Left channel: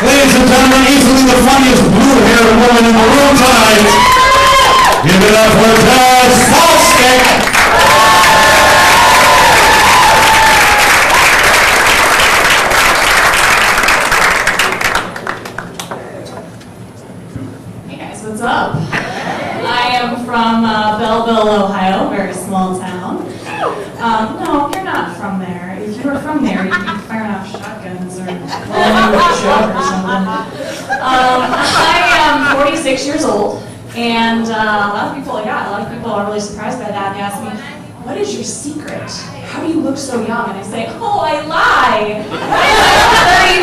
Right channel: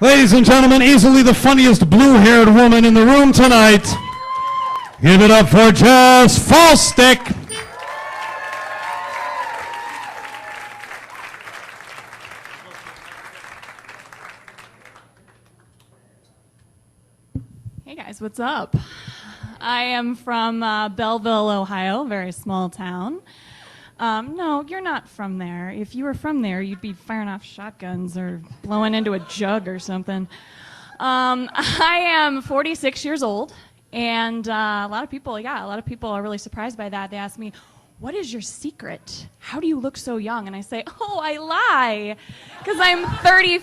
Ladies and gentlemen, easily the funniest blue-haired woman in the room tonight. Give it up for Jess Faulstich. Hey guys, what's up? I am from Belleville, Ohio, a very small town. No, you're not from there. If you were from there, you'd be firing off shotguns or blowing into a jug or something. I am 46 years old, and a lot of people are really surprised by that. They ask me, what is your secret? How do you look so young? And I say, oh, I lie. I'm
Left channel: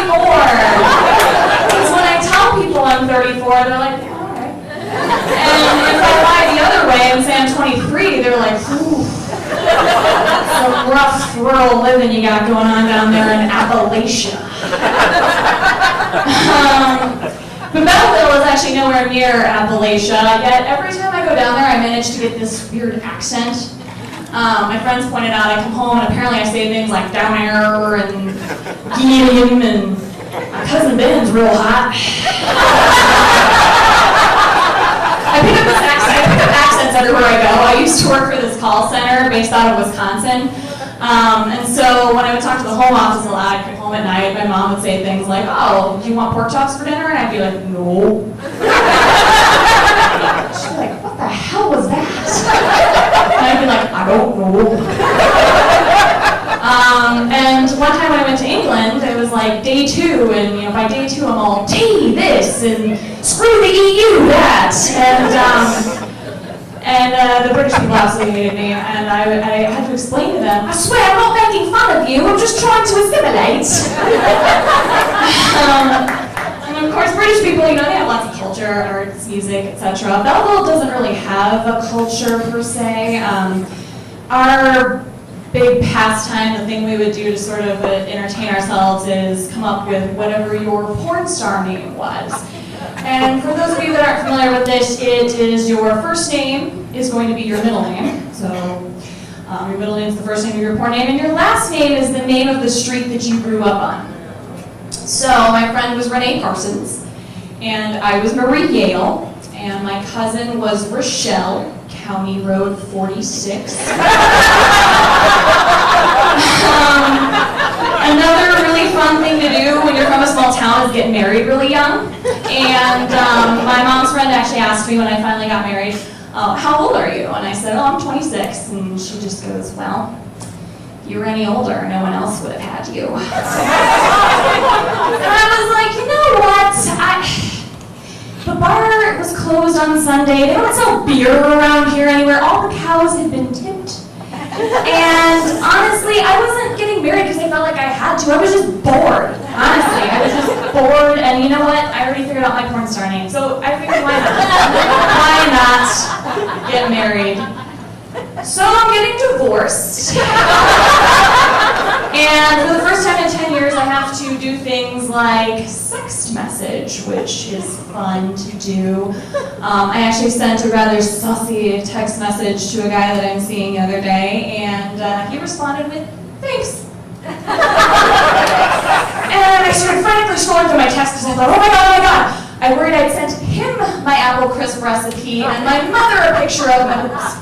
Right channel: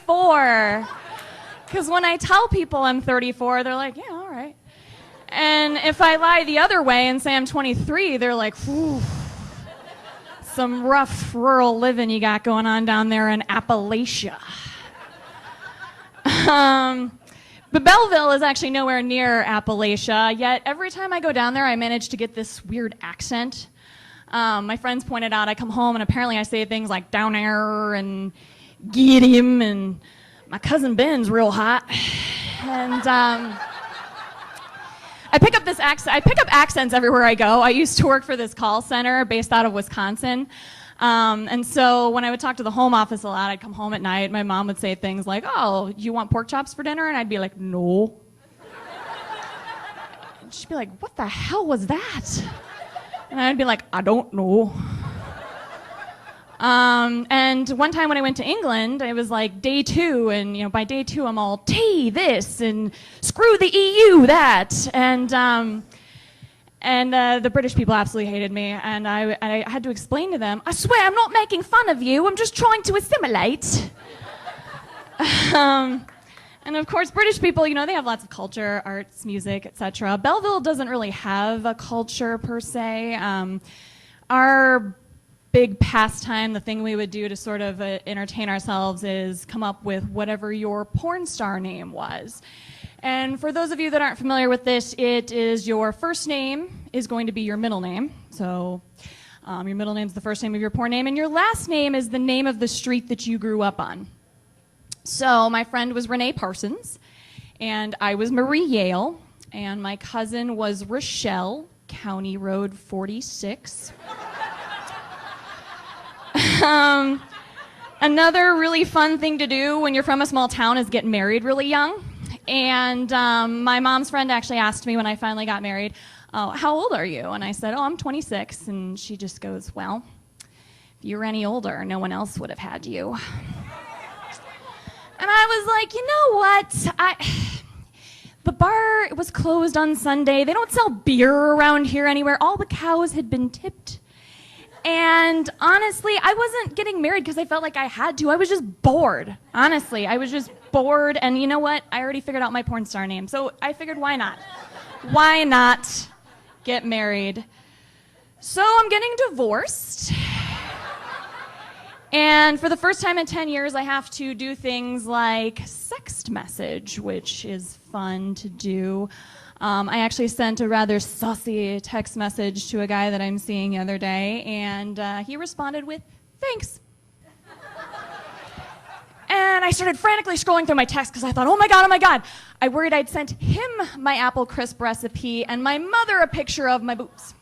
34. Because when I tell people I'm 34, they're like, yeah, all right. And if I lie the other way and say I'm 23, they're like, ooh. Some rough rural living you got going on down there in Appalachia. But Belleville is actually nowhere near Appalachia, yet every time I go down there I manage to get this weird accent. My friends pointed out I come home and apparently I say things like down there and Gideon and my cousin Ben's real hot. I pick up accents everywhere I go. I used to work for this call center based out of Wisconsin. And so when I would talk to the home office a lot, I'd come home at night, my mom would say things like, oh, do you want pork chops for dinner? And I'd be like, no. She'd be like, what the hell was that? And I'd be like, I don't know. And one time when I went to England, it was like day 2, and by day 2 I'm all, tea this, and screw the EU that, and the British people absolutely hated me, and I had to explain to them, I swear I'm not making fun of you, I'm just trying to assimilate. And of course British people, they have lots of culture, arts, music, etc. Belleville doesn't really have a culture per se. Our big pastime, the thing we would do to sort of entertain ourselves is come up with whatever your porn star name was. And for those of you that aren't familiar with this, it is your first name is going to be your middle name. So your middle name is the first name of your porn name, and your last name is the name of the street that you grew up on. So my friend was Renee Parsons, and I was Marie Yale, and my cousin was Rochelle, County Road 46. Another really fun thing to do when you're from a small town is get married really young. And my mom's friend actually asked me when I finally got married, how old are you? And I said, oh, I'm 26. And she just goes, well, if you were any older, no one else would have had you. And I was like, you know what? The bar was closed on Sunday. They don't sell beer around here anywhere. All the cows had been tipped. And honestly, I wasn't getting married because I felt like I had to. I was just bored. Honestly, I was just bored. And you know what? I already figured out my porn star name. So I figured, why not? Why not get married? So I'm getting divorced. And for the first time in 10 years, I have to do things like text message, which is fun to do. I actually sent a rather saucy text message to a guy that I'm seeing the other day, and he responded with, thanks. And I started frantically scrolling through my texts because I thought, oh my god. I worried I'd sent him my apple crisp recipe and my mother a picture of my boobs.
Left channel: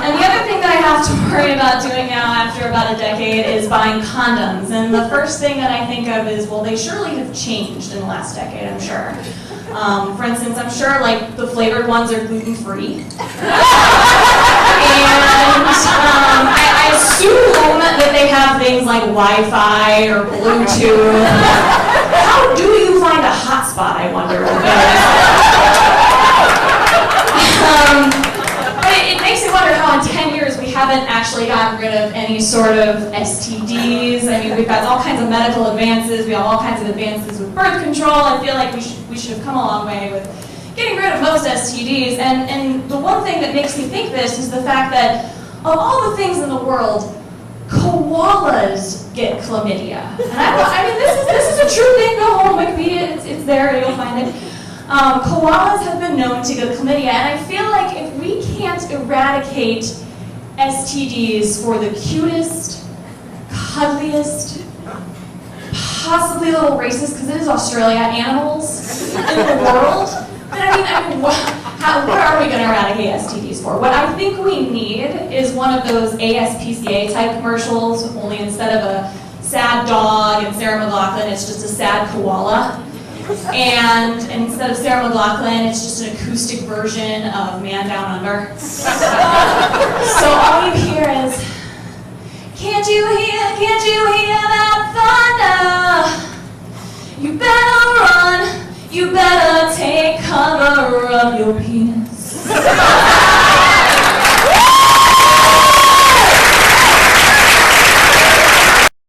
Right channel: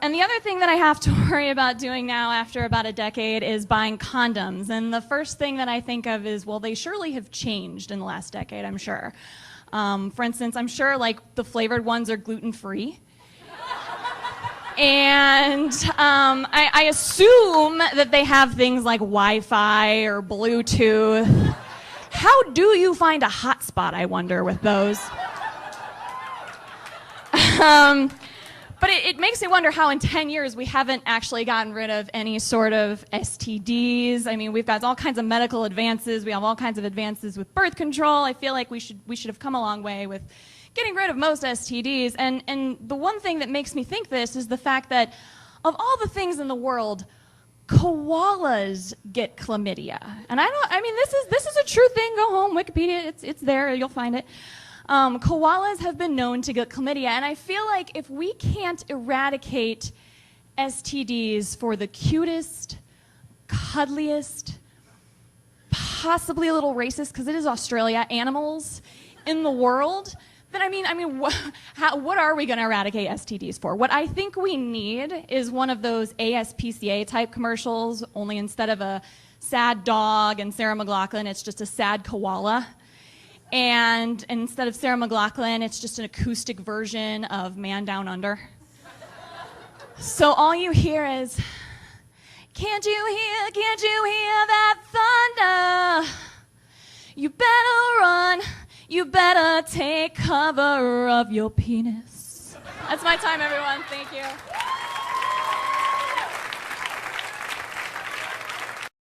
And the other thing that I have to worry about doing now after about a decade is buying condoms. And the first thing that I think of is, well, they surely have changed in the last decade, I'm sure. For instance, I'm sure like the flavored ones are gluten-free. And I assume that they have things like Wi-Fi or Bluetooth. How do you find a hotspot, I wonder, with those? But it makes me wonder how in 10 years we haven't actually gotten rid of any sort of STDs. I mean, we've got all kinds of medical advances. We have all kinds of advances with birth control. I feel like we should have come a long way with getting rid of most STDs. And the one thing that makes me think this is the fact that of all the things in the world, koalas get chlamydia. And I mean, this is a true thing. Go home, Wikipedia, it's there, you'll find it. Koalas have been known to get chlamydia, and I feel like if we can't eradicate STDs for the cutest, cuddliest, possibly a little racist because it is Australia, animals in the world. But I mean, what are we going to eradicate STDs for? What I think we need is one of those ASPCA type commercials, only instead of a sad dog and Sarah McLachlan, it's just a sad koala. And instead of Sarah McLachlan, it's just an acoustic version of Man Down Under. So all you hear is, can't you hear that thunder? You better run, you better